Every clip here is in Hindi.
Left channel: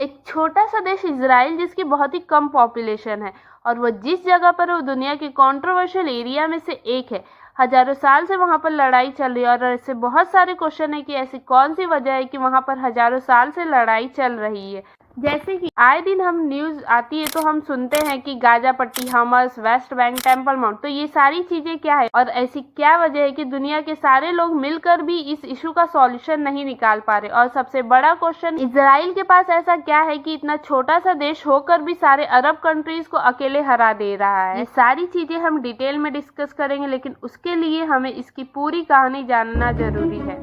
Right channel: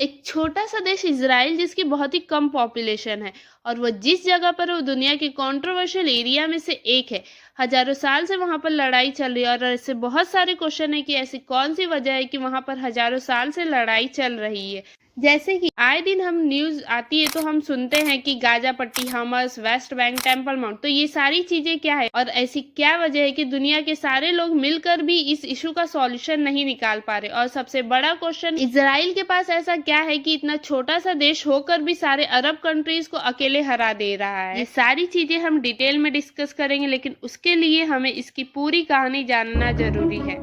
एक छोटा सा देश इजराइल जिसकी बहुत ही कम पॉपुलेशन है और वो जिस जगह पर है वो दुनिया के कंट्रोवर्शियल एरिया में से एक है। हजारों साल से वहां पर लड़ाई चल रही है और ऐसे बहुत सारे क्वेश्चन है कि ऐसी कौन सी वजह है कि वहां पर हजारों साल से लड़ाई चल रही है। जैसे कि आए दिन हम न्यूज आती है तो हम सुनते हैं कि गाजा पट्टी, हमस, वेस्ट बैंक, टेम्पल माउंट, तो ये सारी चीजें क्या है और ऐसी क्या वजह है कि दुनिया के सारे लोग मिलकर भी इस इशू का सॉल्यूशन नहीं निकाल पा रहे। और सबसे बड़ा क्वेश्चन, इजराइल के पास ऐसा क्या है कि इतना छोटा सा देश होकर भी सारे अरब कंट्रीज को अकेले हरा दे रहा है। ये सारी चीजें हम डिटेल में डिस्कस करेंगे, लेकिन उसके लिए हमें इसकी पूरी कहानी जानना जरूरी है।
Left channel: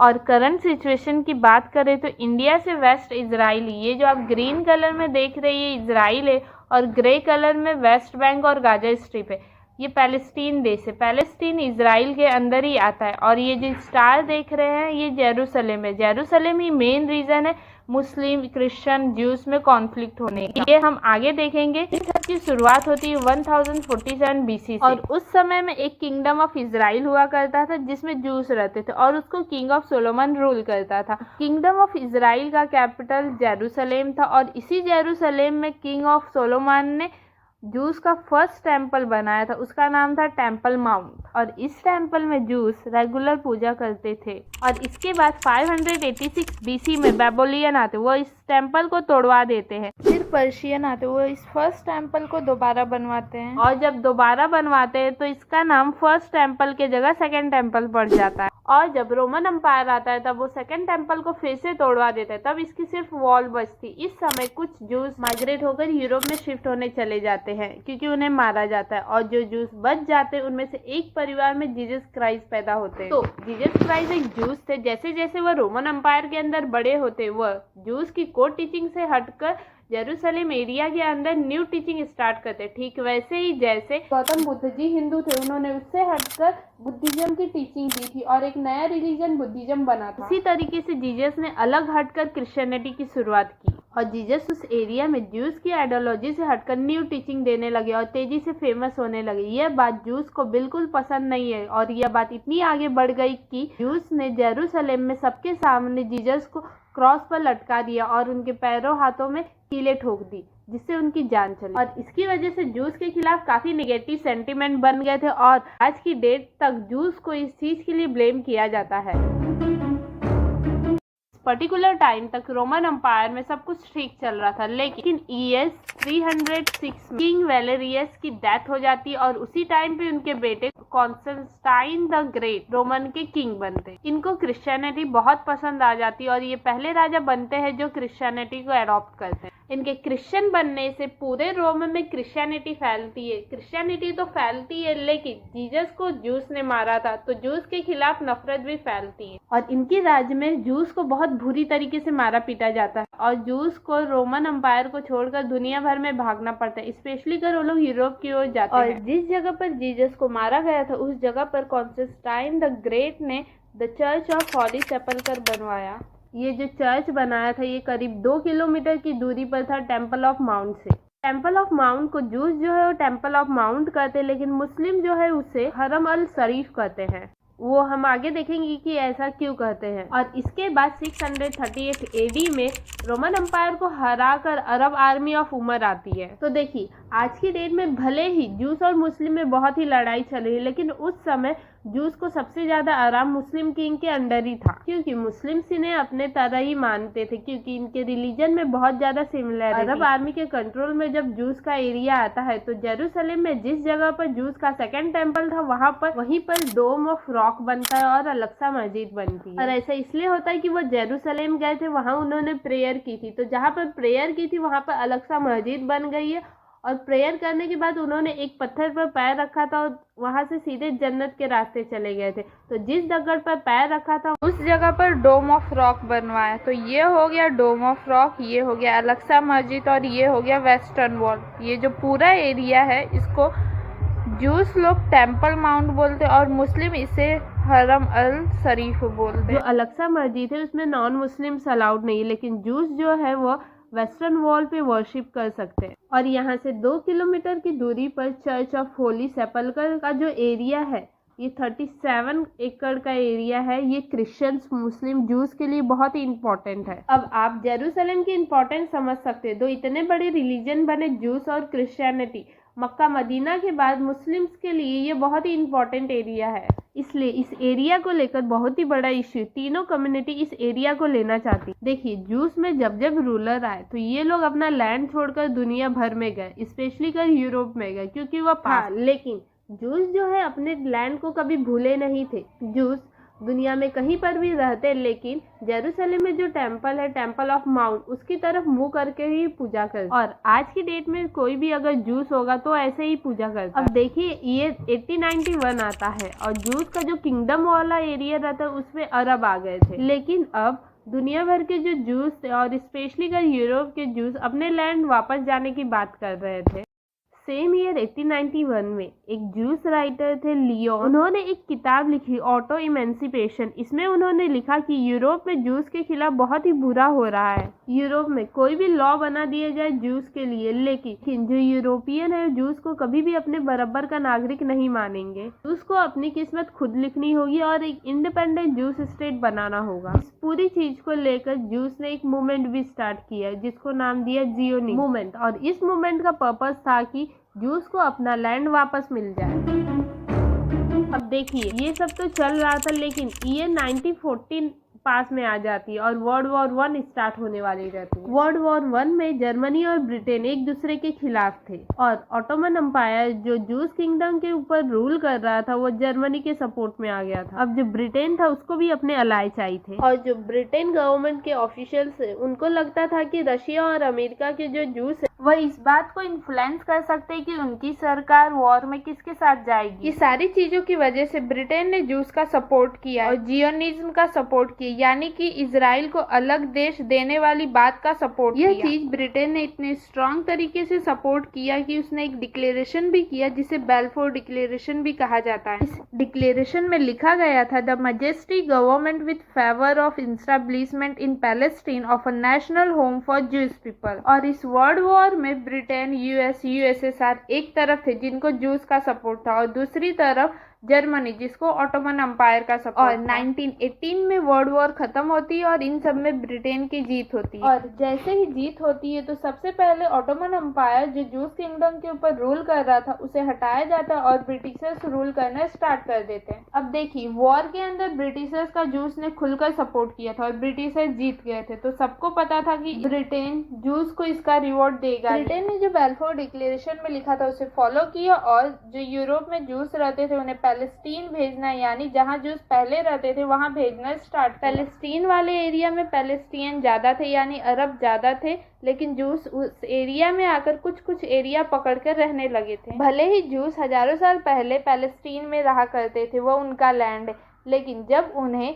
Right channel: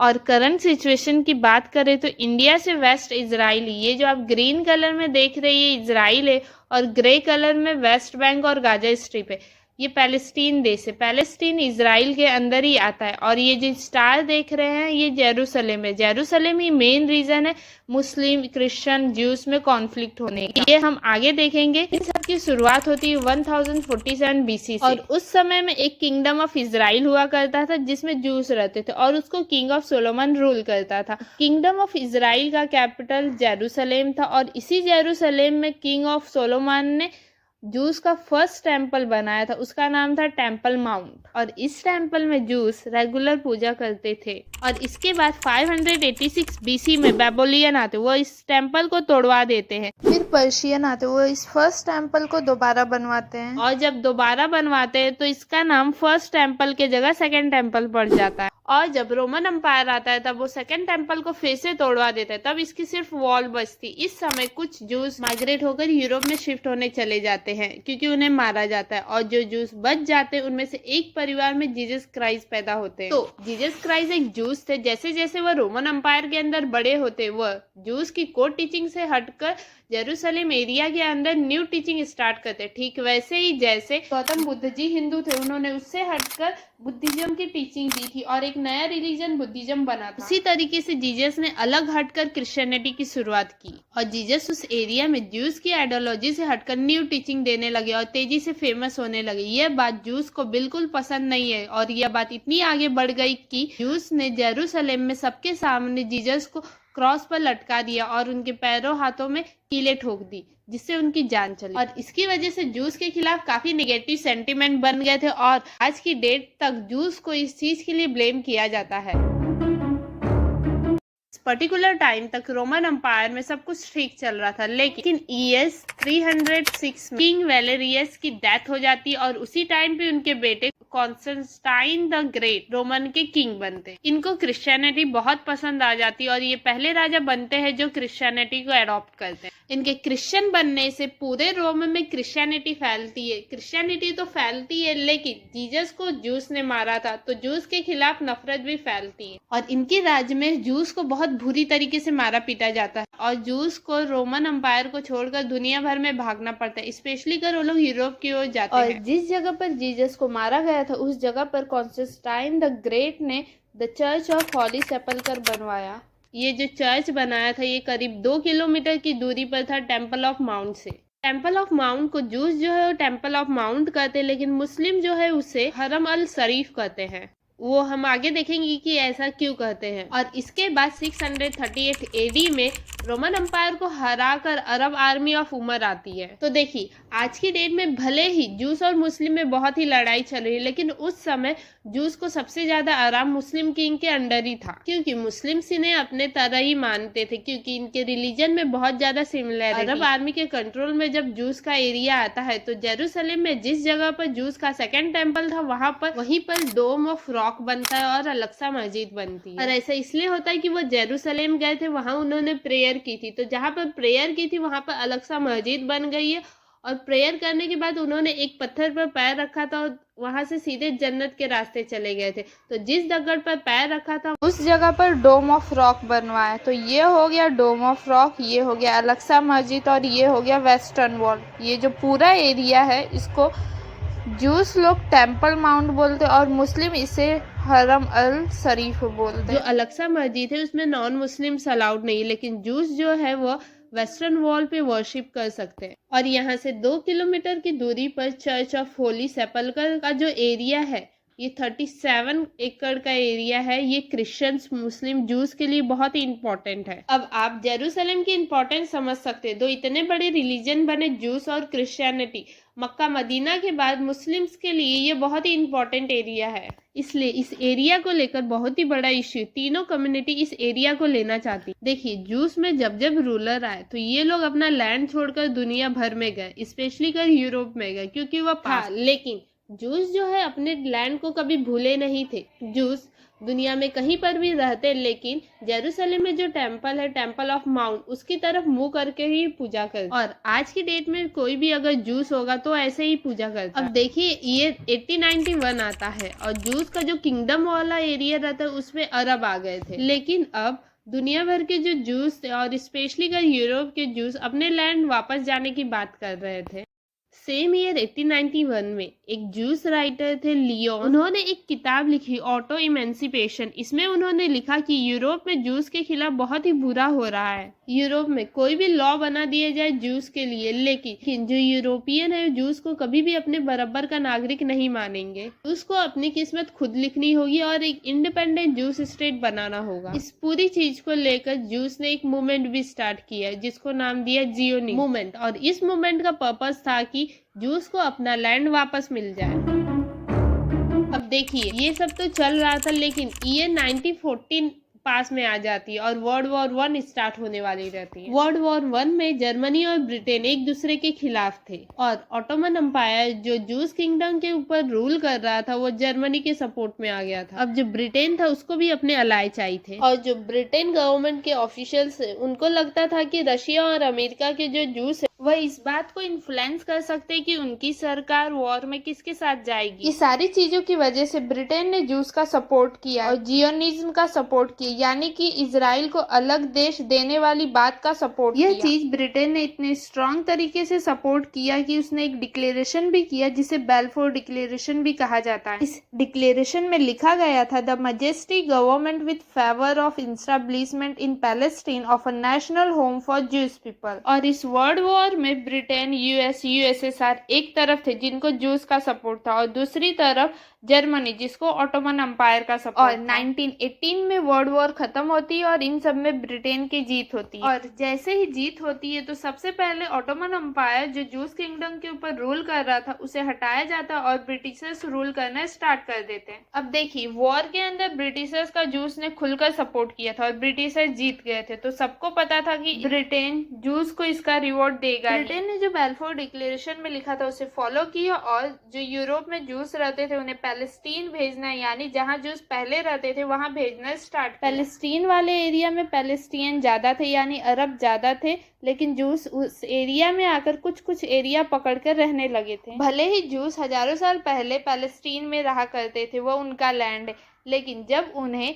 और करंट सिचुएशन की बात करें तो इंडिया से वेस्ट इजराइल, ये जो आप ग्रीन कलर में देख रहे हैं इजराइल है और ग्रे कलर में वेस्ट बैंक और गाजा स्ट्रिप है, ये पैलेस्टीन देश है। पैलेस्टीन इजराइल के अंदर ही आता है। और ये जो स्टार देख रहे हैं ये जेरूसलेम है। जेरूसलेम ही मेन रीजन है मुस्लिम, क्रिश्चियन, ज्यूस में कॉन्फ्लिक्ट होने की। ये हम आगे देखेंगे। इन सब की शुरुआत होती है 1047 बीसी से। और उस समय में एक किंगडम ऑफ इजराइल हुआ करता था जिसमें ज्यूस रहते थे और उसको किंग ऑफ सोलोमन रूल करता था। किंगडम ऑफ इजराइल का कैपिटल जेरूसलेम था और इसी जेरूसलेम में किंग ऑफ सोलोमन ने जूस का फर्स्ट टेम्पल बनाया था, उसका नाम था टेम्पल माउंट। और इस टेम्पल में जूस रेगुलर पूजा करते थे। और इसके बाद 586 बीसी में बेबोलियन आते, वो इस टेम्पल को तोड़वा देते हैं। फिर पर्शियन आते, वो इस फर्स्ट टेम्पल को दोबारा बनवाते हैं। और जब दोबारा बनवाते हैं तो इसका नाम फर्स्ट टेम्पल के जगह सेकंड टेम्पल पड़ जाता है। और जब रोमन एम्पायर आता है तब वो सेकंड टेम्पल को फिर से तोड़वा देता है, तब इसकी सिर्फ वॉल बचती। इस समय कुछ जूस माइग्रेट होकर यूरोप में शिफ्ट होने चले जाते हैं क्योंकि उन्हें मारा जाता है। और जो जूस बच जाते हैं उनमें से एक परिवार में जीसस क्राइस्ट पैदा होते हैं। तो जीसस क्राइस्ट एक जूस थे। जैसे जैसे वह रोमन एम्पायर के अंदर बड़े होते वह जूस की कोर टीचिंग से हटकर जेरूसलेम एरिया के अंदर न्यू टीचिंग स्टार्ट करते। ठीक वैसे ही जैसे गौतम बुद्ध जी हिंदू थे, उन्होंने उससे हटकर बुद्धिज्म की टीचिंग दी थी और एक नया रिलीजन बुद्धिज्म बना था। उसी तरीके से जीसस ने अलग हटकर क्रिश्चियनिटी की शुरुआत की और जीसस उस एरिया में ज्यूस की आइडियोलॉजी से हटकर न्यू टीचिंग देने लगे और तेजी से फेमस होने लगे। यह बात ज्यूस को बिल्कुल पसंद नहीं है और यह बात इतनी आगे बढ़ गई कि ज्यूस ने जेरूसलेम में सबके सामने जीसस को क्रॉस पर लटका दिया और उनके पैरों हाथों में कीलें ठोक दी, जिससे उनकी जान चली। और इसकी वजह से जूस के खिलाफ काफी नेगेटिव सेंटीमेंट बन गए थे और आज की डेट तक जूस को इस चीज के लिए ब्लेम किया जाता है। पर्टिकुलर टाइम तक रोमन एम्पायर में सब कुछ ठीक चल रहा था, लेकिन ES 306 में किंग वैलेरियस की डेथ हो जाती है और उसी टाइम पे उनके बेटे कॉन्स्टेंटाइन द ग्रेट रोमन के किंग बनते। इनको क्रिश्चियनिटी बहुत पसंद आ जाती है और ये पहले राजा बनते हैं जो क्रिश्चियनिटी को अडॉप्ट करते हैं। इनके क्रिश्चियन बनने से पूरे रोम में क्रिश्चियनिटी फैलती है। क्रिश्चियनिटी तो फैलती है लेकिन जीसस को जूस ने मारा था तो जूस के खिलाफ नफरत भी फैलती है और इनके राज्य में जूस को बहुत बुरी तरीके से मारा पीटा जाता है और जूस को रोमन एम्पायर को छोड़कर दुनिया भर में भागना पड़ता है, स्पेशली कर वो लोग यूरोप की ओर जाते हैं। और जिस जगह पर जीसस को मारा गया था उस जगह पर कॉन्स्टेंटाइन द ग्रेट ने द चर्च ऑफ हॉली सेपल्कर बनवाया। ये जो चर्च बनाया था ये करीब 2 किलोमीटर की दूरी पर था टेम्पल ऑफ माउंट से। टेम्पल ऑफ माउंट को जूस जो है वो टेम्पल ऑफ माउंट कहते हैं, लेकिन मुस्लिम जो है उसे हरम अल शरीफ कहते हैं। वो हम आगे देखेंगे कि ऐसा क्यों कहते हैं। और इसके बाद 638 AD में रोमन एम्पायर को हराकर अरब आर्मी ऑफ उमर आती है। तो देखिए आज की डेट में भले ही जूस और मुस्लिम में बहुत ही लड़ाई चल रही है, लेकिन उस समय जूस को सबसे ज्यादा आराम मुस्लिम किंग के अंडर ही था, क्योंकि मुस्लिम्स इन्हें अपने तरह ही मानते थे क्योंकि इनके रिलीजन में बहुत ज्यादा सिमिलर। अरब आर्मी के कंट्रोल में जब जूस का एरिया आता है तो जेरूसलेम में जिस जगह पर जूस का सेकंड टेम्पल था वहीं पर डोम ऑफ रॉक बनता है और अलक्सा मस्जिद बनती है। और ऐसा इसलिए होता है कि वो जेरूसलेम गए थे, वहां उन्होंने प्रेयर की थी, तो जहाँ पर प्रेयर की थी वहां पर अलक्सा मस्जिद बन गई है। और प्रेयर करने के बाद उन्होंने एक पत्थर पर पैर रखा था और वहां से सीधे जन्नत के रास्ते चले गए थे। तो जिस जगह पर पैर रखा था उस जगह पर डोम ऑफ रॉक बनवाया। तो ये हो गया डोम ऑफ रॉक, ये हो गया अलक्सा मस्जिद और ये हो गया वेस्टर्न वॉल। ये जो पूरा एरिया है इसको जूस लोग टेम्पल माउंट बोलते और मुस्लिम इसे हरम अल शरीफ बोलते। जो अलक्सा मस्जिद है उसमें नॉन मुस्लिम्स अलाउड नहीं, लेकिन जूस जो है वो वेस्टर्न वॉल पे वर्शिप कर सकते हैं। और यहाँ से 2 किलोमीटर की दूरी पर चर्च ऑफ होली सेपल्कर का जो एरिया है ये 37 एकड़ का एरिया है। ये क्रिश्चियंस, मुस्लिम, जूस के लिए बहुत ही इम्पोर्टेंट है। अब आप जेरूसलम की इम्पोर्टेंस समझ सकते हैं। दो इतने बड़े रिलीजन बने, जूस और क्रिश्चियनिटी, मक्का मदीना के बाद मुस्लिम्स के लिए ये बहुत ही इम्पोर्टेंट एरिया है। इसलिए इस एरिया को लेकर बहुत ही बड़ा इश्यू, तीनों कम्युनिटी इस एरिया को लेना चाहती। देखिए, जूस में जब जब रूलर आए तो ये लोग अपना लैंड छोड़कर दुनिया भर में गए, स्पेशली कर यूरोप में गए, क्योंकि वह पास। लेकिन जूस जो है अपने लैंड को कभी भूले नहीं थे। जूस दुनिया में कहीं पर भी रहते, लेकिन जेरूसलम में जो टेम्पल है, टेम्पल ऑफ माउंट, उसकी तरफ मुंह करके ही पूजा करते। और आज की डेट में कोई भी अगर जूस होगा तो ऐसे ही पूजा करता। अब देखिए, ये 1891 आता है और जूस का जो किंगडम वाला एरिया रहता है उसमें अरब आ गए थे। लेकिन अब दुनिया भर के जो जूस थे और स्पेशली कर यूरोप के जूस अपने लैंड वापस जाने की बात कर रहे थे। सेम ईयर 1891 में एक जूस राइटर थे लियोन, उन्होंने एक किताब लिखी ऑटो इमेंसिपेशन। इसमें उन्होंने लिखा कि यूरोप में जूस के खिलाफ बहुत ही बुरा हो रहा है। यूरोप में कोई भी लॉ बना दिया जाए जूस के लिए, लेकिन जो यूरोपियन है जूस को कभी भी अपने बराबर का नागरिक नहीं मानेंगे। जूस को अपनी किस्मत खुद लिखनी होगी और एक इंडिपेंडेंट जूस स्टेट बनाना होगा। इस पूरी चीज को लेकर जूस ने एक मूवमेंट भी स्टार्ट किया जिसको नाम दिया जियोनिज्म मूवमेंट। और इस मूवमेंट का पर्पस था कि जूस को अपना लैंड वापस मिल जाए। अब देखिए, ये सब तो चल रहा था, लेकिन ईयर 1914 पास में आ जाती है और वर्ल्ड वॉर 1 स्टार्ट होने वाली रहती है। वर्ल्ड वॉर 1 में जर्मनी और ब्रिटेन एक दूसरे के खिलाफ थे और ऑटोमन एम्पायर जो जूस किंगडम के ऊपर रूल कर रहा था वो जर्मनी के सपोर्ट में आ गया था। अब जो ब्रिटेन था उसको भी अपने अलाय चाहिए थे और जो ब्रिटेन गवर्नमेंट के ऑफिशियल्स उनको लगता था कि रशिया और अमेरिका के जो जूस है वह इस बात को इन्फ्लुएंस कर सकते कि उनकी सरकार वॉर में किसके साथ जाएगी। ये सारी चीजों की वजह से ब्रिटेन ने जूस का सपोर्ट किया और जियोनिज्म का सपोर्ट किया, यानी कि इजराइल को अलग देश देने वाली बात का सपोर्ट किया। यह चीज ब्रिटेन ने इतने स्ट्रॉन्ग तरीके से सपोर्ट किया कि उसने एक डिक्लेरेशन भी किया जिसे बेल्फोर डिक्लेरेशन भी कहा जाता है। इस डिक्लेरेशन में लिखा गया था, the majesty government with favour of establishment in Palestine of a national home for juice people. और इस वर्ल्ड वॉर में ब्रिटेन, यूएस, यूएसएसआर एक तरफ थे जिनको जूस का सपोर्ट था और दूसरी तरफ जर्मनी जिसको ऑटोमन एम्पायर का सपोर्ट। और 1918 में वर्ल्ड वॉर खत्म होती है और इन सब में ब्रिटेन की जीत होती है। और जैसे ही जीत होती है तो सबसे पहले ऑटोमन एम्पायर जो जूस किंगडम के ऊपर रूल कर रहा था उसे हटाया जाता और ब्रिटिशर्स रूल करना स्टार्ट कर देते हैं। अब देखिए, वॉर के अंदर ब्रिटिशर्स का जूस ने खुलकर सपोर्ट किया था और ब्रिटिशर्स जीत गए थे, तो सबको पता था कि ब्रिटेन जूस को इसका रिवॉर्ड देगा। ब्रिटेन ने जो बेल्फोर डिक्लेरेशन में लिखा था उसे फॉलो किया और जो यूरोप में जूस रहते थे उन्हें पैलेस्टीन भेजना, यानी जहां जूस पहले रहते थे वहां भेजना स्टार्ट। पैलेस्टीन वाले एरिया में पैलेस्टीन ज्यादा थे, यानी अरब ज्यादा थे, लेकिन जूस उस एरिया में आकर कुछ कुछ एरिया पकड़कर रहने लगे थे। भले ही जूस हजारों साल पहले पैलेस्टीन में रहा करते थे, वो उनका लैंड है, लेकिन जब उन्हें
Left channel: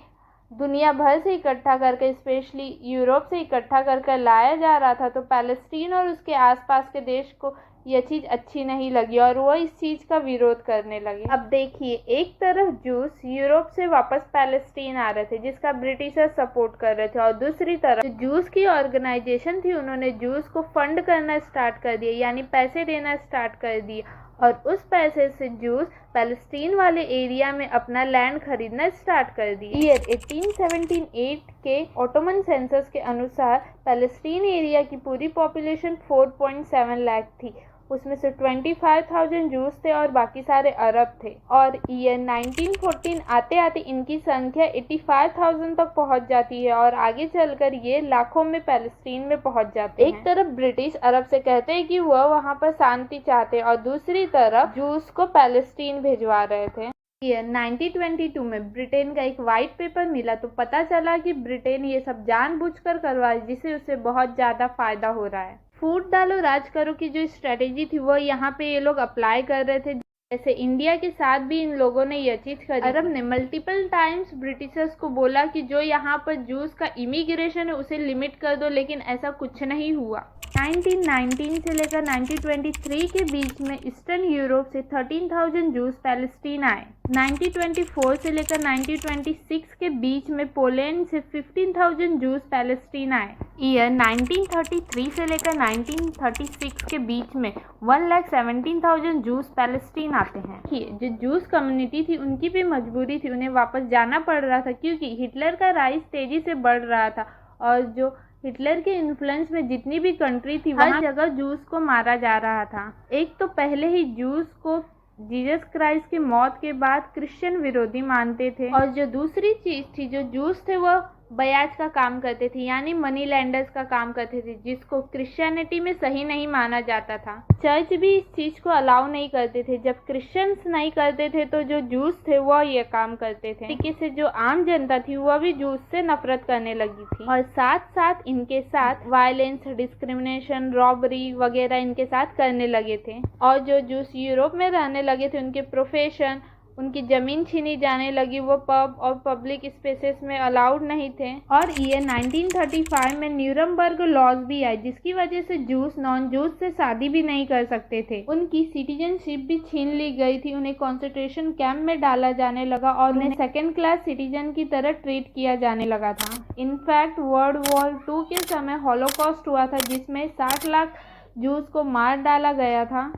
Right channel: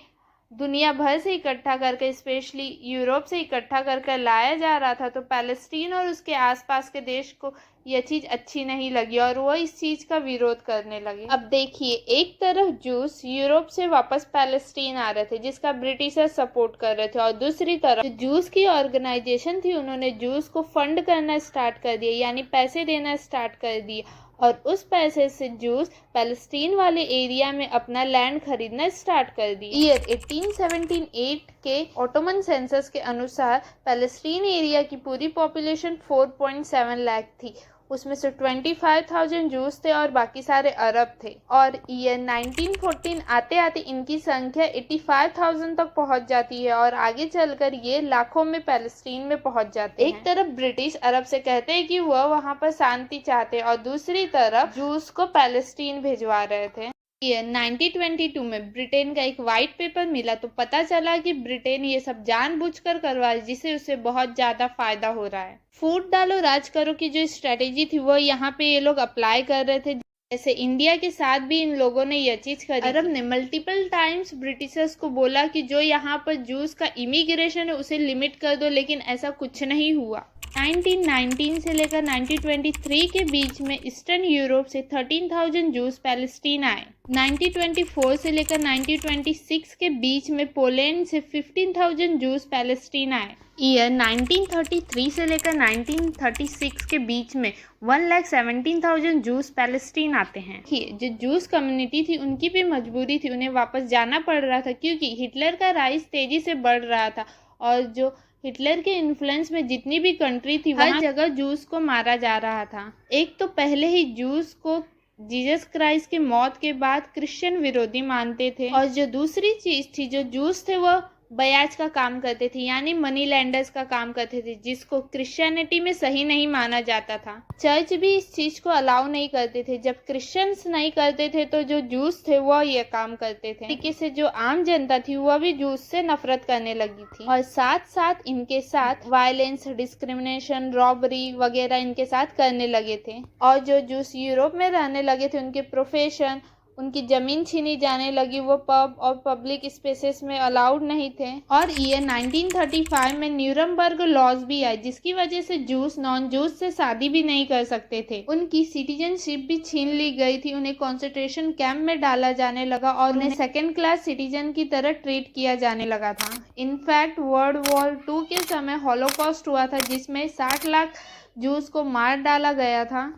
दुनिया भर से इकट्ठा करके, स्पेशली यूरोप से इकट्ठा करके लाया जा रहा था, तो पैलेस्टीन और उसके आसपास के देश को यह चीज अच्छी नहीं लगी और वो इस चीज का विरोध करने लगे। अब देखिए, एक तरफ जूस यूरोप से वापस पैलेस्टीन आ रहे थे जिसका ब्रिटिशर्स सपोर्ट कर रहे थे और दूसरी तरफ जो जूस की ऑर्गेनाइजेशन थी उन्होंने जूस को फंड करना स्टार्ट कर दिया, यानी पैसे देना स्टार्ट कर दिया और उस पैसे से जूस पैलेस्टीन वाले एरिया में अपना लैंड खरीदना स्टार्ट कर दिया। ईयर 1878 के ऑटोमन सेंसस के अनुसार पैलेस्टीन एरिया की पूरी पॉपुलेशन 4.7 लाख थी, उसमें से 25,000 जूस थे और बाकी सारे अरब थे। और ईयर 1914 आते आते इनकी संख्या 85,000 तक पहुंच जाती है और आगे चलकर ये लाखों में पैलेस्टीन में पहुंच जाते हैं। एक तरफ ब्रिटिश अरब से कहते हैं कि वह वहां पर शांति चाहते और दूसरी तरफ जूस को पैलेस्टीन भिजवा रहे थे। ईयर 1922 में ब्रिटेन का एक वाइट पेपर मिला तो पता चला कि ब्रिटेन ये सब जानबूझकर करवा रही, जिससे उसे बहुत ज्यादा फायदा हो रहा है। फूट डालो राज करो की जो स्ट्रेटेजी थी वो यहाँ पे ये लोग अप्लाई कर रहे थे। जैसे इंडिया के साथ भी इन लोगों ने यह चीज करी। अरब ने मल्टीपल टाइम्स ब्रिटिशर्स को बोला कि जो यहाँ पर जूस का इमिग्रेशन है उसे लिमिट कर दो, लेकिन ऐसा कुछ नहीं हुआ। 1919 से लेकर 1923 के बीच में ईस्टर्न यूरोप से 13,000 जूस पैलेस्टीन आए। 1924 से लेकर 1926 के बीच में पोलैंड से 15,000 जूस पैलेस्टीन आए। ईयर 1933 से लेकर 1936 के बीच में 1,17,000 जूस पैलेस्टीन आते हैं। जो जूस कम्युनिटी थी उनकी भी मजबूरी थी, उन्हें वापस जाना पड़ रहा था क्योंकि हिटलर का राइज तेजी से बढ़ रहा था और जो हिटलर के इन्फ्लुएंस में जितनी भी कंट्री थी हर जगह जूस को मारा जा रहा था। एक तो पहले ही जूस को जीसस क्राइस्ट की मौत के बाद क्रिश्चियन विरोधी मानते थे और जो दूसरी चीज थी, जो जूस थे वो ब्याज का काम करते थे, यानी मनी लैंडर्स का काम करते थे, जिसको क्रिश्चियनिटी में सही नहीं माना जाता था। चर्च भी इस चीज को अलाउ नहीं करते थे। जब क्रिश्चियंस नहीं करते थे तो जो जूस थे वो ये काम करते थे। तरीके से जो आम जनता थी वह भी जूस से नफरत करने लगी थी और साथ साथ इनके साथ वायलेंस, डिस्क्रिमिनेशन, रॉबरी वगैरह इनके साथ करने लगे थे। और जो जूस यूरोप में रहने लगे थे उनके प्रोफेशन, उनकी जमीन छीनी जाने लगी, वो पब और पब्लिक स्पेसेस में अलाउड नहीं थे। और ईयर 1935 में न्यूरमबर्ग लॉज भी आए जिसकी वजह से जूस नॉन जूस से शादी भी नहीं कर सकते थे। उनकी सिटीजनशिप भी छीन ली गई थी, उन्हें कॉन्सेंट्रेशन कैंप में डाला जाने लगा और उन्हें सेकेंड क्लास सिटीजन की तरह ट्रीट किया जाने लगा था। इनफैक्ट वर्ल्ड वॉर 2 के समय हॉलोकॉस्ट हुआ था जिसमें 60 लाख जूस को मार डाला गया था।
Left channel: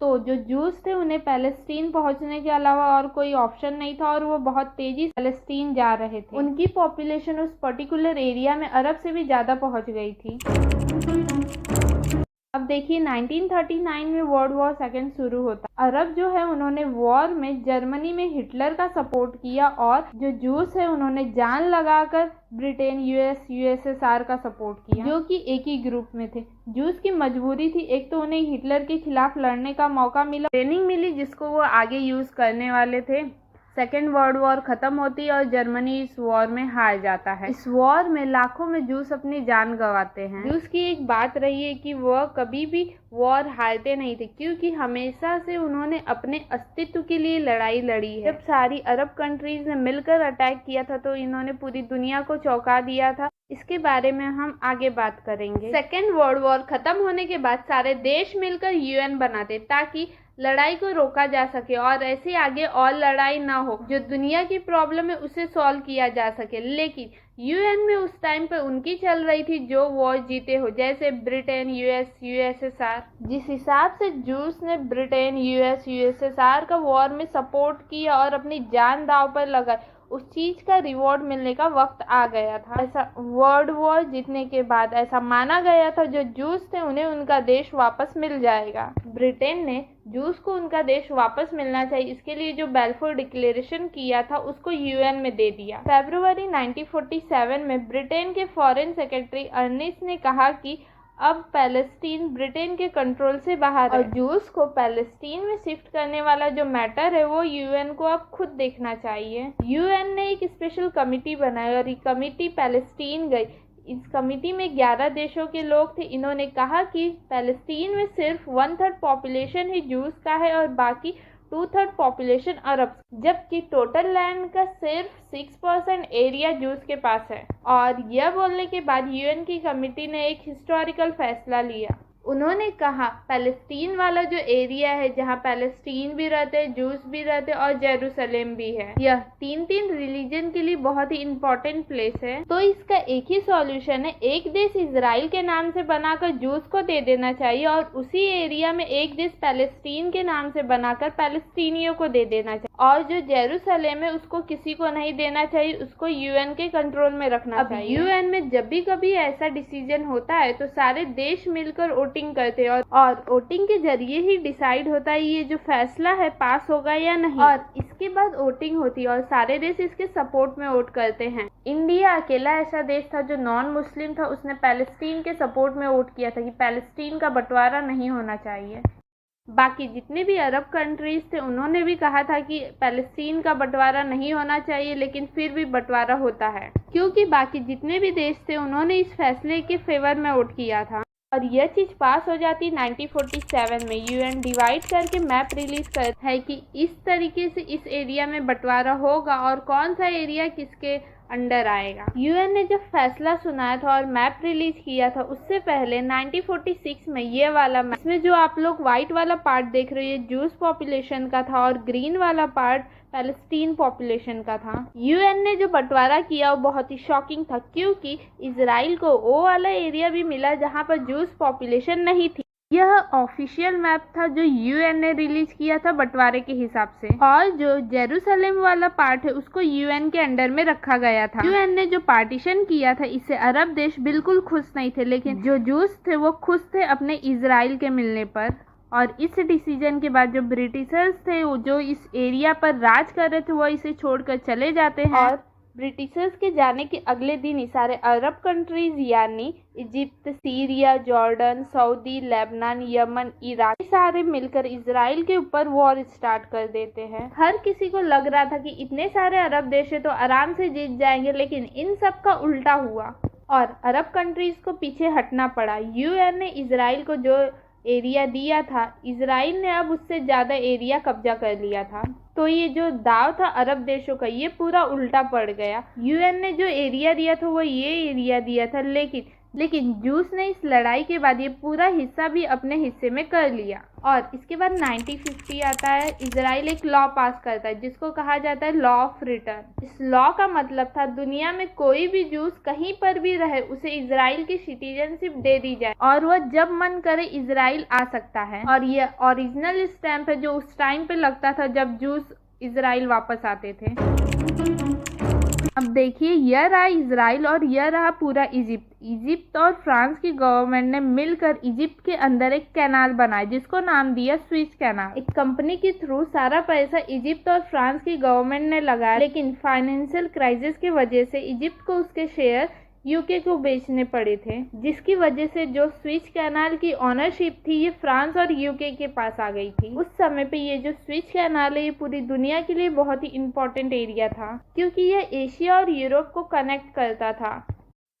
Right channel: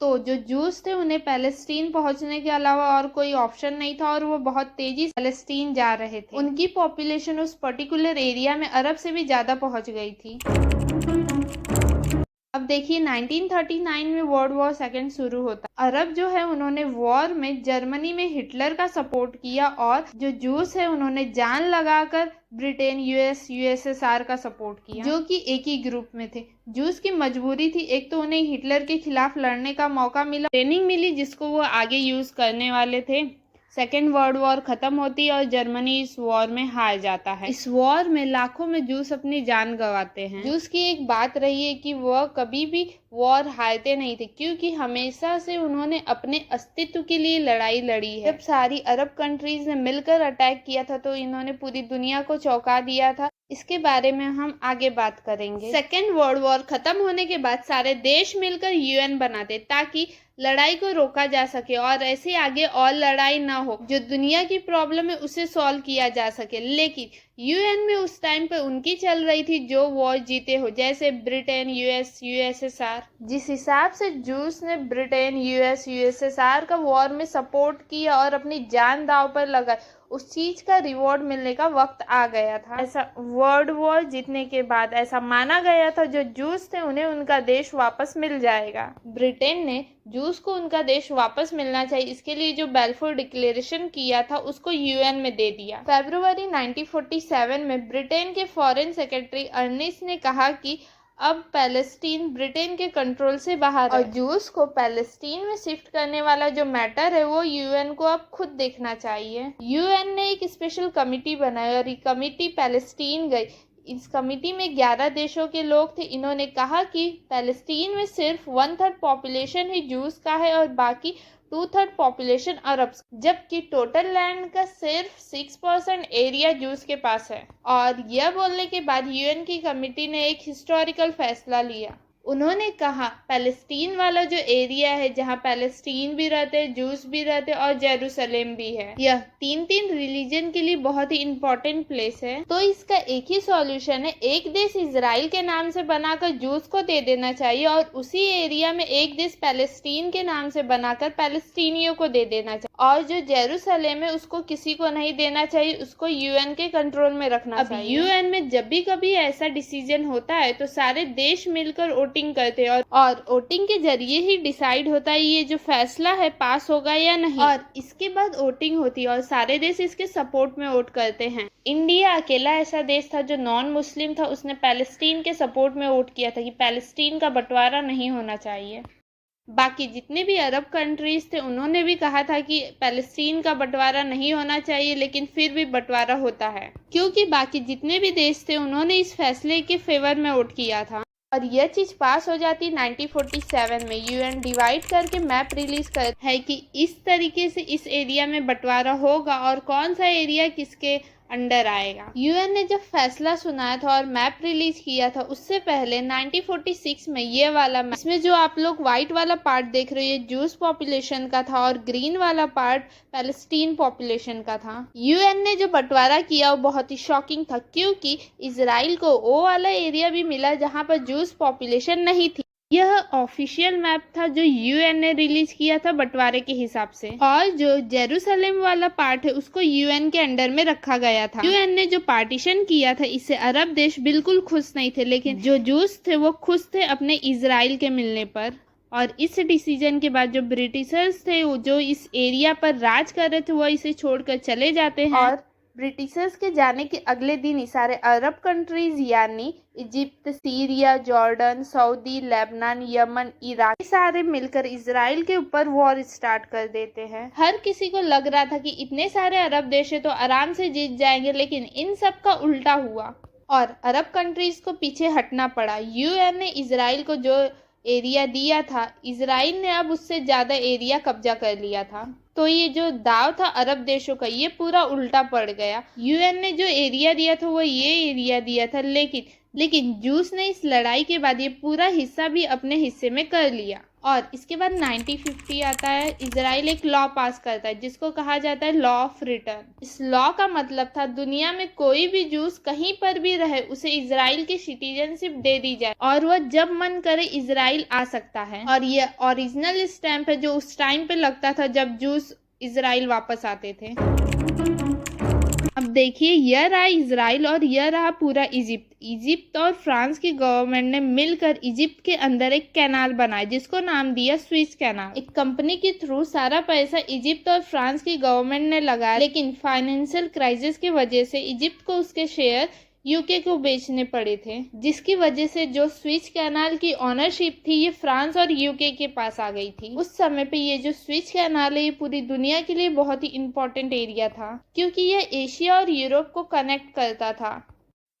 तो जो जूस थे उन्हें पैलेस्टीन पहुंचने के अलावा और कोई ऑप्शन नहीं था और वो बहुत तेजी से पैलेस्टीन जा रहे थे। उनकी पॉपुलेशन उस पर्टिकुलर एरिया में अरब से भी ज़्यादा पहुंच गई थी। अब देखिए 1939 में वर्ल्ड वॉर सेकेंड शुरू होता। अरब जो है उन्होंने वॉर में जर्मनी में हिटलर का सपोर्ट किया और जो जूस है उन्होंने जान लगाकर ब्रिटेन, यूएस, यूएसएसआर का सपोर्ट किया, जो कि एक ही ग्रुप में थे। जूस की मजबूरी थी, एक तो उन्हें हिटलर के खिलाफ लड़ने का मौका मिला, ट्रेनिंग मिली जिसको वो आगे यूज करने वाले थे। सेकेंड वर्ल्ड वॉर खत्म होती है और जर्मनी इस वॉर में हार जाता है। इस वॉर में लाखों में जूस अपनी जान गंवाते हैं। जूस की एक बात रही है कि वह कभी भी वॉर हारते नहीं थे क्योंकि हमेशा से उन्होंने अपने अस्तित्व के लिए लड़ाई लड़ी है। जब सारी अरब कंट्रीज ने मिलकर अटैक किया था तो इन्होंने पूरी दुनिया को चौंका दिया था। इसके बारे में हम आगे बात करेंगे। सेकेंड वर्ल्ड वॉर खत्म होने के बाद सारे देश मिलकर यूएन बनाते ताकि लड़ाई को रोका जा सके और ऐसे आगे और लड़ाई ना हो, जो दुनिया की प्रॉब्लम है उसे सॉल्व किया जा सके। लेकिन यूएन में उस टाइम पे उनकी चल रही थी जो वॉर जीते हो, जैसे ब्रिटेन, यूएस, यूएसएसआर। जिस हिसाब से जूस ने ब्रिटेन, यूएस, यूएसएसआर का वॉर में सपोर्ट किया और अपनी जान दांव पर लगा, उस चीज का रिवॉर्ड मिलने का वक्त आ गया था। ऐसा वर्ल्ड वॉर जीतने के बाद ऐसा माना गया था जो जूस थे उन्हें उनका देश वापस मिल जाएगा। ब्रिटेन ने जूस को उनका देश वापस मिलना चाहिए, इसके लिए जो बेल्फोर डिक्लेरेशन किया था उसको यूएन में दे दिया। फरवरी 1947 में ब्रिटेन के फॉरेन सेक्रेटरी अर्निस्ट ने कहा कि अब पैलेस्टीन ब्रिटेन के कंट्रोल से बाहर है और जूस को पैलेस्टीन में शिफ्ट करने वाला जो मैटर है वो यूएन को अब खुद देखना चाहिए। यूएन ने एक स्पेशल कमिटी बनाई और ये कमिटी पैलेस्टीन गई। इस कमिटी में 11 देशों के लोग थे। इन्होंने कहा कि पैलेस्टीन में सिर्फ 1/3 पॉपुलेशन ही जूस का है और बाकी 2/3 पॉपुलेशन अरब, जबकि टोटल लैंड का सिर्फ 6% एरिया जूस के पास है। और यह बोलने के बाद यूएन की कमेटी ने एक हिस्टोरिकल फैसला लिया। उन्होंने कहा पैलेस्टीन वाला जो एरिया है जहां पैलेस्टीन भी रहते, जूस भी रहते और जेरूसलेम भी है, यह 3 रिलीजन के लिए बहुत ही इम्पोर्टेंट प्लेस है। तो इसका एक ही सॉल्यूशन है, एक देश इजराइल के नाम से बनाकर जूस को दे देना चाहिए और उसी एरिया में एक देश पैलेस्टीन के नाम से बनाकर पैलेस्टीनियों को दे देना चाहिए और जो जेरूसलेम है उसको किसी को नहीं देना चाहिए, उसको यूएन के कंट्रोल में रखना चाहिए। यूएन में जब भी कभी ऐसा डिसीजन होता है तो सारे देश मिलकर वोटिंग करते हैं और वोटिंग के जरिए ही डिसाइड होता है ये जो फैसला है पास होगा या नहीं, और इसके बाद वोटिंग होती है और सारे देश इसके सपोर्ट में वोट करते हैं। इंडिया अकेला ऐसा देश था जो नॉन मुस्लिम था, उसने पैलेस्टीन के सपोर्ट में वोट किया था कि पैलेस्टीन का बंटवारा नहीं होना चाहिए। बाकी जितने भी अरब कंट्रीज थे उन्होंने भी कहा था कि पैलेस्टीन का बंटवारा नहीं होना चाहिए, लेकिन फिर भी बंटवारा होता है क्योंकि बाकी जितने भी देश थे उन्होंने इस फैसले के फेवर में वोट किया था और यह चीज पास हो जाती 1947 में। यूएन डिवाइड करके मैप रिलीज कर है कि इस तरीके से इस एरिया में बंटवारा होगा और कौन सा एरिया किसके अंडर आएगा। यूएन ने जब फैसला सुनाया था और मैप रिलीज किया था उससे पहले 1946 में ये वाला मैप, इसमें जो आप लोग व्हाइट वाला पार्ट देख रहे हो ये जूस पॉपुलेशन का था और ग्रीन वाला पार्ट पैलेस्टीन पॉपुलेशन का था। यूएन ने जो बंटवारा किया वो बहुत ही शॉकिंग था क्योंकि इजराइल को वो वाला एरिया भी मिला जहाँ पर जूस पॉपुलेशन नहीं थी। यह ऑफिशियल मैप था जो यूएन ने रिलीज किया था बंटवारे के हिसाब से, और जो जेरूसलम वाला पार्ट है उसको यूएन के अंडर में रखा गया था। यूएन ने जो पार्टीशन किया था इससे अरब देश बिल्कुल खुश नहीं थे, लेकिन जो जूस थे वो खुश थे अपने इजराइल के मिलने पर। और इस डिसीजन के बाद जो ब्रिटिशर्स थे जो इस एरिया पर राज कर रहे थे वो इसे छोड़कर चले जाते हैं। और ब्रिटिशर्स के जाने के अगले दिन ही सारे अरब कंट्रीज यानी Egypt, Syria, Jordan, Saudi, Lebanon, Yemen, Iraq, ये सारे मिलकर इजराइल के ऊपर वॉर स्टार्ट कर देते हैं। हर किसी को लग रहा था कि इतने सारे अरब देश है तो आराम से जीत जाएंगे, लेकिन इन सब का उल्टा हुआ और अरब कंट्रीज को पीछे हटना पड़ा। यूएन ने इजराइल को जो एरिया दिया था, इजराइल ने अब उससे ज्यादा एरिया कब्जा कर लिया था, तो ये जो दाव था अरब देशों का ये पूरा उल्टा पड़ गया। यूएन ने जो एरिया दिया था वो ये एरिया दिया था, लेकिन जूस ने इस लड़ाई के बाद ये पूरा हिस्सा भी अपने हिस्से में कर लिया। और इसके बाद 1950 आता है, इजराइल एक लॉ पास करता है जिसको कहा जाता है लॉ ऑफ रिटर्न। इस लॉ का मतलब था दुनिया में कोई भी जूस कहीं पर भी रहे उसे इजराइल की सिटीजनशिप दे दी जाए और वह जब मन करे इजराइल आ सकता है। और ये ओरिजिनल स्टैंप है जो उस टाइम पे लगता था जब जूस इजराइल वापस आते थे। अब देखिए यह रहा इजराइल और यह रहा पूरा इजिप्ट और फ्रांस की गवर्नमेंट ने मिलकर इजिप्ट के अंदर एक कैनाल बनाया जिसको नाम दिया स्विस कैनाल। एक कंपनी के थ्रू सारा पैसा इजिप्ट और फ्रांस की गवर्नमेंट ने लगाया, लेकिन फाइनेंशियल क्राइसिस की वजह से इजिप्ट को उसके शेयर यूके को बेचने पड़े थे, जिसकी वजह से जो स्विस कैनाल की ओनरशिप थी ये फ्रांस और यूके के पास आ गई थी। उस समय पे ये जो स्विस कैनाल है ये पूरी दुनिया के लिए बहुत ही इम्पोर्टेंट एरिया था क्योंकि ये एशिया और यूरोप को कनेक्ट करता था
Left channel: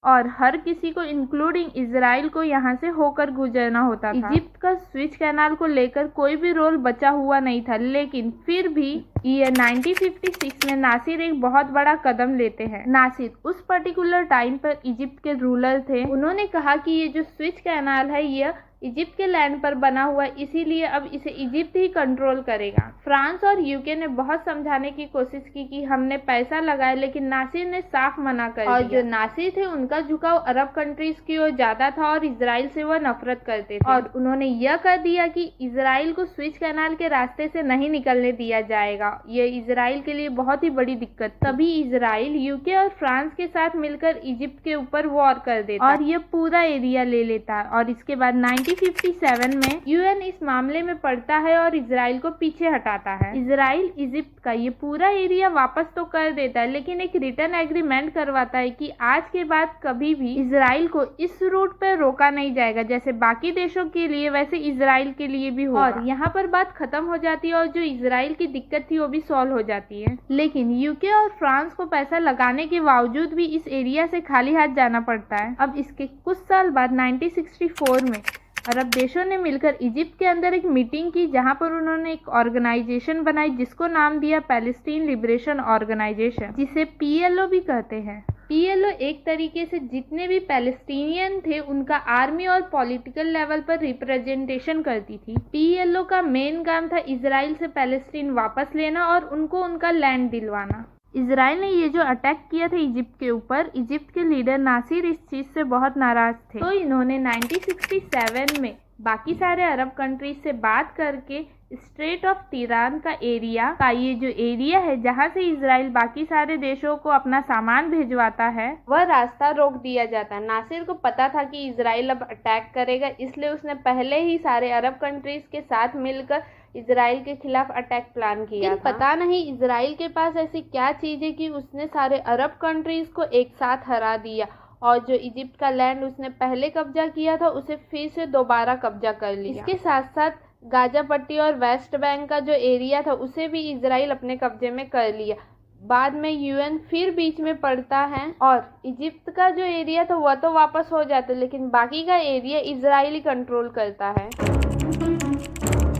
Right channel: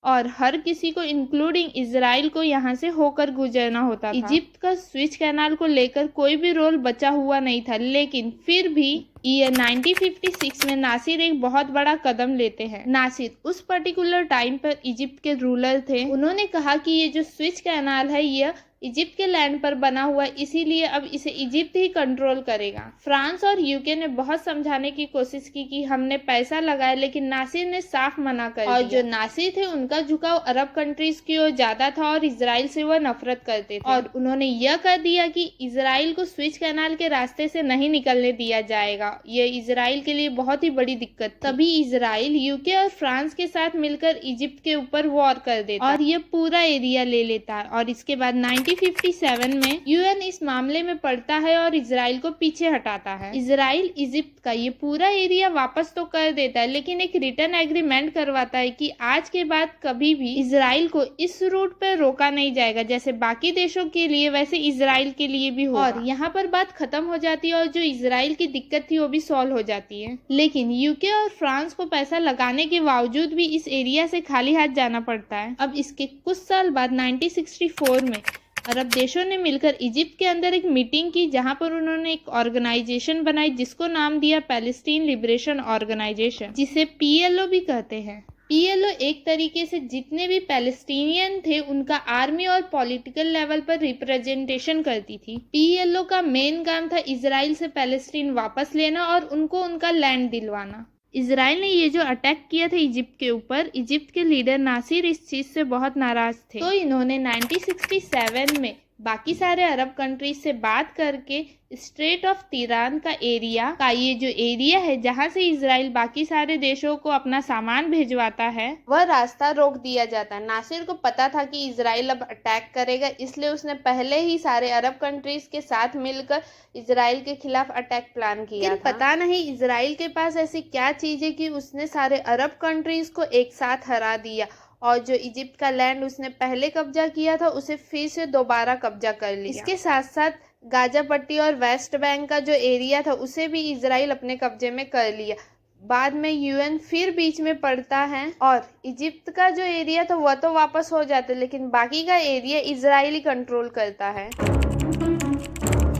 और हर किसी को इंक्लूडिंग इजराइल को यहाँ से होकर गुजरना होता था। इजिप्ट का स्विस कैनाल को लेकर कोई भी रोल बचा हुआ नहीं था, लेकिन फिर भी ईयर 1956 में नासिर एक बहुत बड़ा कदम लेते हैं। नासिर उस पर्टिकुलर टाइम पर इजिप्ट के रूलर थे। उन्होंने कहा कि ये जो स्विस कैनाल है यह इजिप्ट के लैंड पर बना हुआ है, इसीलिए अब इसे इजिप्ट ही कंट्रोल करेगा। फ्रांस और यूके ने बहुत समझाने की कोशिश की कि हमने पैसा लगाया, लेकिन नासिर ने साफ मना कर दिया। और जो नासिर थे उनका झुकाव अरब कंट्रीज की ओर ज्यादा था और इजराइल से वह नफरत करते थे और उन्होंने यह कर दिया कि इजराइल को स्विस कैनाल के रास्ते से नहीं निकलने दिया जाएगा। यह इजराइल के लिए बहुत ही बड़ी दिक्कत। तभी इजराइल यूके और फ्रांस के साथ मिलकर इजिप्ट के ऊपर वॉर कर देता और यह पूरा एरिया ले लेता है। और इसके बाद 1957 में यूएन इस मामले में पड़ता है और इजराइल को पीछे हटाता है। इजराइल इजिप्ट का ये पूरा एरिया वापस तो कर देता है, लेकिन एक रिटर्न एग्रीमेंट करवाता है कि आज के बाद कभी भी इजराइल को इस रूट पर रोका नहीं जाएगा, जैसे बाकी देशों के लिए वैसे इजराइल के लिए भी होगा। और यहाँ पर बात खत्म हो जाती है और जो इजराइल की दिक्कत थी वो भी सॉल्व हो जाती है। लेकिन यूके और फ्रांस को पैसा लगाने के बावजूद भी इस एरिया से खाली हाथ जाना पड़ता है। अब इसके कुछ साल बाद 1964 में अरब देशों ने मिलकर इजिप्ट के अंदर एक मीटिंग की जहां पर उन्होंने एक ऑर्गेनाइजेशन बनाई जिसको नाम दिया पैलेस्टीन लिबरेशन ऑर्गेनाइजेशन, जिसे पीएलओ भी कहते हैं। पीएलओ एक तरीके से जितने भी पैलेस्टीनियन थे उनका आर्मी और पॉलिटिकल लेवल पर रिप्रेजेंटेशन करती थी। पीएलओ का मेन काम था इजराइल से पैलेस्टीन वापस लेना और उनको उनका लैंड दिलवाना। इजराइल ने ये जो अटैक किया था इजिप्ट के ऊपर, इजिप्ट के लीडर नासिर इस चीज से बहुत नाराज थे, तो इन्होंने 1967 में बाकी सारे अरब कंट्रीज से बात करके स्ट्रेट ऑफ तिरान का एरिया का ये जो एरिया है जहां से इजराइल बाकी सारे देशों को अपना सामान भेजवाता है वह रास्ता रोक दिया जाता है। नासिर को पता था कि इजराइल अब अटैक करेगा, इसलिए उसने पहले ही सारे अरब कंट्रीज के साथ मिलकर इजराइल के खिलाफ अटैक प्लान किया। लेकिन पता नहीं इजराइल के पास ऐसी क्या चीज है कि उसने सारे अरब कंट्रीज को एक साथ हरा दिया और जो इजिप्ट का लैंड उसने पहले कब्जा किया था उसे फिर से दोबारा कब्जा कर लिया। इसके साथ साथ गाजा पट्टी और वेस्ट बैंक का जो एरिया था उसे भी इजराइल अपने कब्जे में कर लिया। बाद में यूएन फिर बीच में पड़ता है और इजिप्ट का जो एरिया था वह तो वापस हो जाता है, लेकिन बाकी का एरिया इजराइल ही कंट्रोल करता है।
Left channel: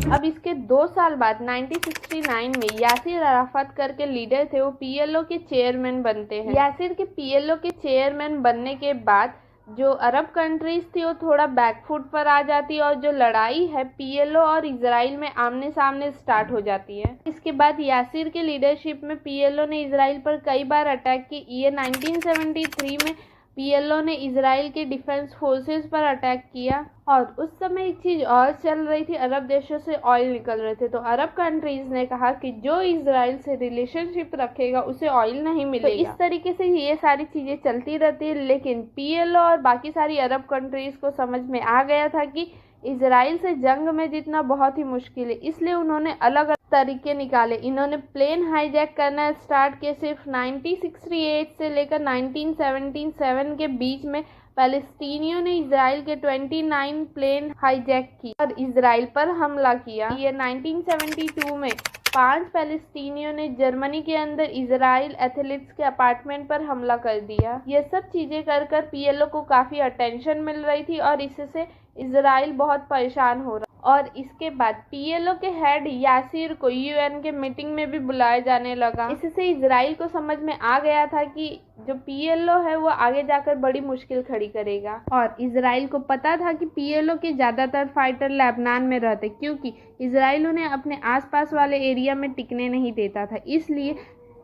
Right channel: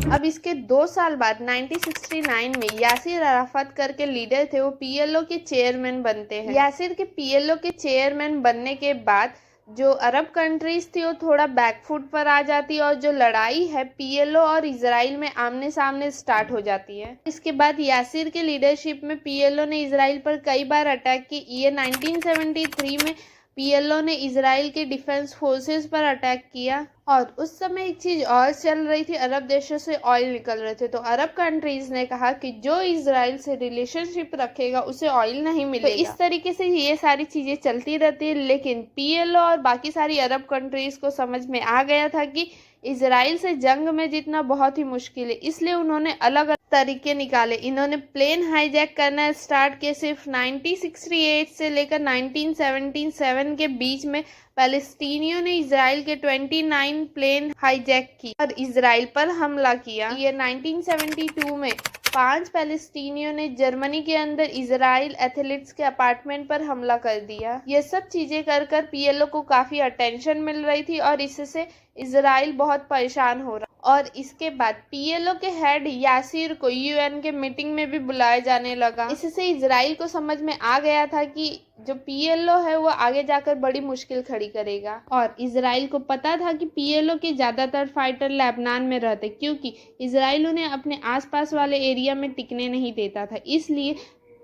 अब इसके 2 साल बाद 1969 में यासिर अराफत करके लीडर थे, वो पीएलओ के चेयरमैन बनते हैं। यासिर के पीएलओ के चेयरमैन बनने के बाद जो अरब कंट्रीज थी वो थोड़ा बैकफुट पर आ जाती है और जो लड़ाई है पीएलओ और इजराइल में आमने सामने स्टार्ट हो जाती है। इसके बाद यासिर के लीडरशिप में पीएलओ ने इजराइल पर कई बार अटैक की। ये 1973 में पीएलओ ने इजराइल के डिफेंस फोर्सेस पर अटैक किया और उस समय एक चीज और चल रही थी, अरब देशों से ऑयल निकल रहे थे, तो अरब कंट्रीज ने कहा कि जो इजराइल से रिलेशनशिप रखेगा उसे ऑयल नहीं मिलेगा। तो इस तरीके से ये सारी चीजें चलती रहती है, लेकिन पीएलओ और बाकी सारी अरब कंट्रीज को समझ में आ गया था कि इजराइल से जंग में जीतना बहुत ही मुश्किल है, इसलिए उन्होंने अलग अलग तरीके निकाले। इन्होंने प्लेन हाईजैक करना स्टार्ट किया। सिर्फ 1968 से लेकर 1977 के बीच में पैलेस्टीनियों ने इजराइल के 29 प्लेन हाईजैक की और इजराइल पर हमला किया। ये 1972 में 5 पैलेस्टीनियों ने जर्मनी के अंदर इजराइल एथलीट्स के अपार्टमेंट पर हमला कर दिया। ये सब चीजें कर कर पीएलओ को काफी अटेंशन मिल रही थी और इससे इजराइल बहुत परेशान हो रहा। और इसके बाद पीएलओ के हेड यासिर को यूएन के मीटिंग में भी बुलाया जाने लगा। इससे इजराइल को समझ में आ गया था कि जो पीएलओ है वो आगे जाकर बड़ी मुश्किल खड़ी करेगा और इजराइल को पता था कि पीएलओ के ज़्यादातर फाइटर लेबनान में रहते, क्योंकि इजराइल उन्हें अपने आसपास वाले एरिया में टिकने नहीं देता था। इसलिए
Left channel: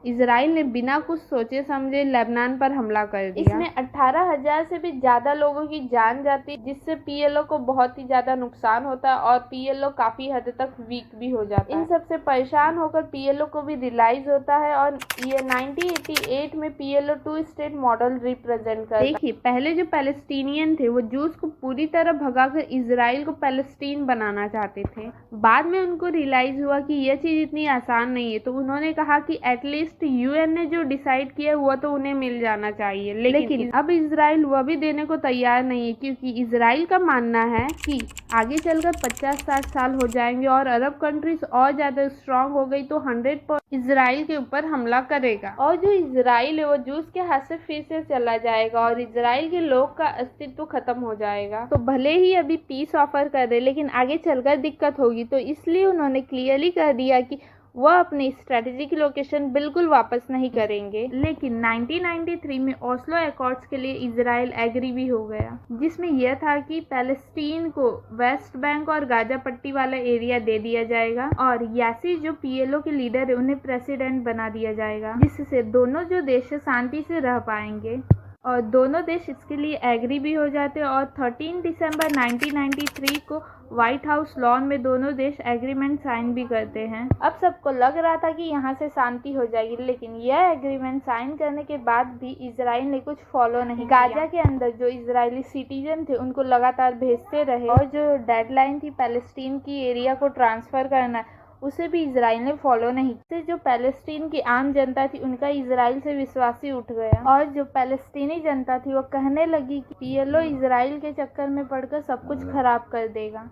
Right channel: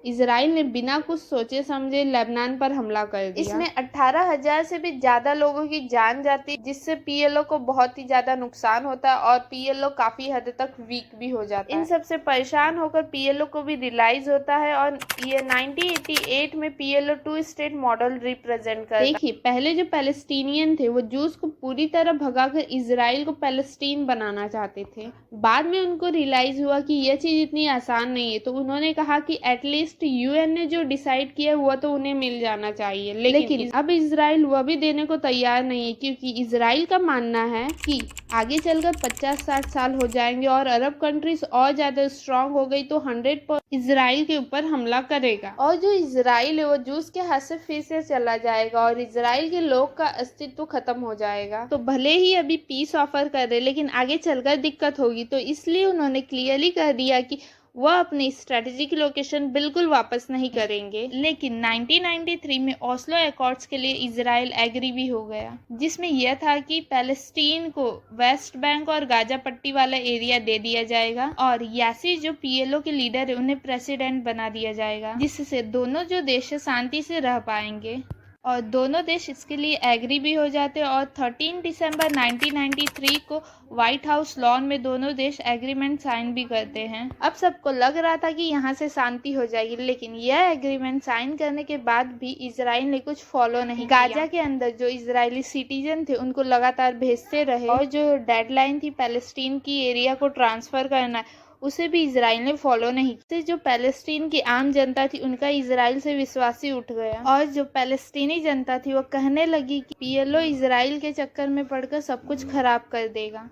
इजराइल ने बिना कुछ सोचे समझे लेबनान पर हमला कर दिया। इसमें 18,000 से भी ज्यादा लोगों की जान जाती, जिससे पीएलओ को बहुत ही ज्यादा नुकसान होता है और पीएलओ काफी हद तक वीक भी हो जाता है। इन सब से परेशान होकर पीएलओ को भी रियलाइज होता है और ये 1988 में पीएलओ 2 स्टेट मॉडल रिप्रेजेंट कर। देखिए, पहले जो पैलेस्टीनियन थे वो जूस को पूरी तरह भगाकर इजराइल को पैलेस्टीन बनाना चाहते थे। बाद में उनको रियलाइज हुआ कि यह चीज इतनी आसान नहीं है, तो उन्होंने कहा कि एटलीस्ट यूएन ने जो डिसाइड किया वो तो उन्हें मिल जाना चाहिए। लेकिन अब इजराइल वह भी देने को तैयार नहीं है, क्योंकि इजराइल का मानना है कि आगे चलकर 50-60 साल हो जाएंगे और अरब कंट्रीज और ज्यादा स्ट्रांग हो गई तो 100% इजराइल के ऊपर हमला करेगा और जो इजराइल है वो जूस के हाथ से फिर से चला जाएगा और इजराइल के लोग का अस्तित्व खत्म हो जाएगा। तो भले ही अभी पीस ऑफर कर रहे, लेकिन आगे चलकर दिक्कत होगी, तो इसलिए उन्होंने क्लियरली कर दिया कि वह अपनी स्ट्रेटेजिक लोकेशन बिल्कुल वापस नहीं करेंगे। लेकिन 1993 में ओस्लो एकॉर्ड्स के लिए इजराइल एग्री भी हो गया, जिसमें यह था कि पैलेस्टीन को वेस्ट बैंक और गाजा पट्टी वाला एरिया दे दिया जाएगा और यासिर जो पीएलओ के लीडर है उन्हें प्रेसिडेंट बना दिया जाएगा, जिससे दोनों जो देश शांति से रह पाएंगे। और दोनों देश इसके लिए एग्री भी हो जाते हैं और 13 दिसंबर 1993 को व्हाइट हाउस लॉन में दोनों देश एग्रीमेंट साइन भी करते हैं। अब सबको लग रहा था कि यहाँ से शांति हो जाएगी, लेकिन यह एग्रीमेंट साइन करने के बाद भी इजराइल ने कुछ फॉलो नहीं किया। गाजा के अंदर जो इजरायली सिटीजन थे उनको लगातार भेजते रहे और जो डेडलाइन थी पैलेस्टीन की एरिया को ट्रांसफर करना, उसे भी इजराइल ने फॉलो नहीं किया। जो पैलेस्टीन की आम जनता थी उनका इजराइल से विश्वास ही उठ गया और जो पैलेस्टीनी जनता थी वो कहने लगी कि पीएलओ इजराइल के चक्कर में पड़कर सब कुछ खराब कर देगा।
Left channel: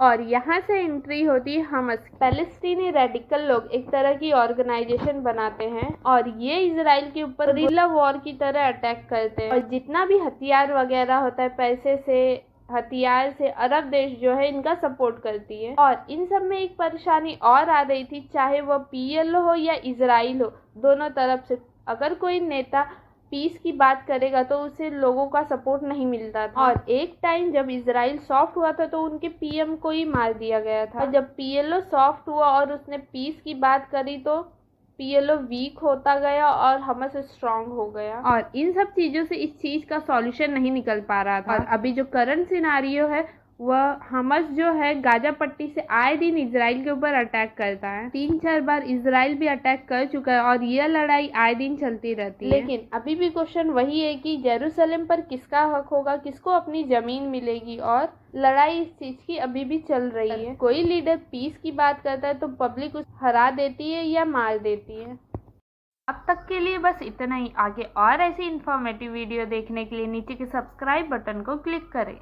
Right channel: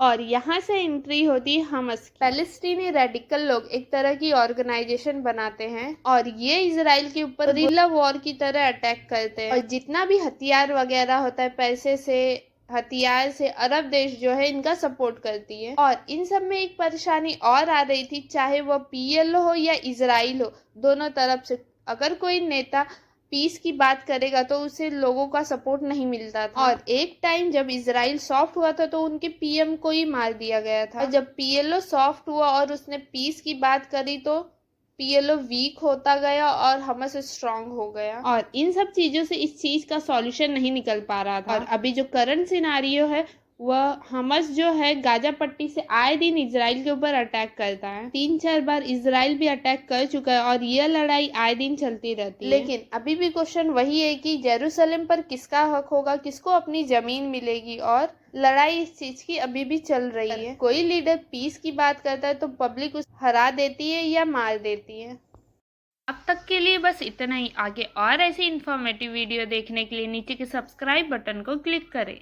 और यहाँ से एंट्री होती है हमस। पैलेस्टीनी रेडिकल लोग एक तरह की ऑर्गेनाइजेशन बनाते हैं और ये इजराइल के ऊपर गुरिल्ला वॉर की तरह अटैक करते हैं और जितना भी हथियार वगैरह होता है पैसे से हथियार से अरब देश जो है इनका सपोर्ट करती है। और इन सब में एक परेशानी और आ रही थी, चाहे वो पीएलओ हो या इजराइल हो, दोनों तरफ से अगर कोई नेता पीस की बात करेगा तो उसे लोगों का सपोर्ट नहीं मिलता था। और एक टाइम जब इजराइल सॉफ्ट हुआ था तो उनके पीएम को ही मार दिया गया था और जब पीएलओ सॉफ्ट हुआ और उसने पीस की बात करी तो पीएलओ वीक होता गया और हमस स्ट्रांग हो गया और इन सब चीजों से इस चीज का सॉल्यूशन नहीं निकल पा रहा था। और अभी जो करंट सिनारियो है वह हमस जो है गाजा पट्टी से आए दिन इजराइल के ऊपर अटैक करता है। 3-4 बार इजराइल भी अटैक कर चुका है और यह लड़ाई आए दिन चलती रहती है। लेकिन अभी भी क्वेश्चन वही है कि जेरूसलम पर किसका हक होगा, किसको अपनी जमीन मिलेगी और लड़ाई इस चीज की अभी भी चल रही है। कोई लीडर पीस की बात करता है तो पब्लिक उसे हरा देती है या मार देती है। अब तक के लिए बस इतना ही। आगे और ऐसी इन्फॉर्मेटिव वीडियो देखने के लिए नीचे के सब्सक्राइब बटन को क्लिक करें।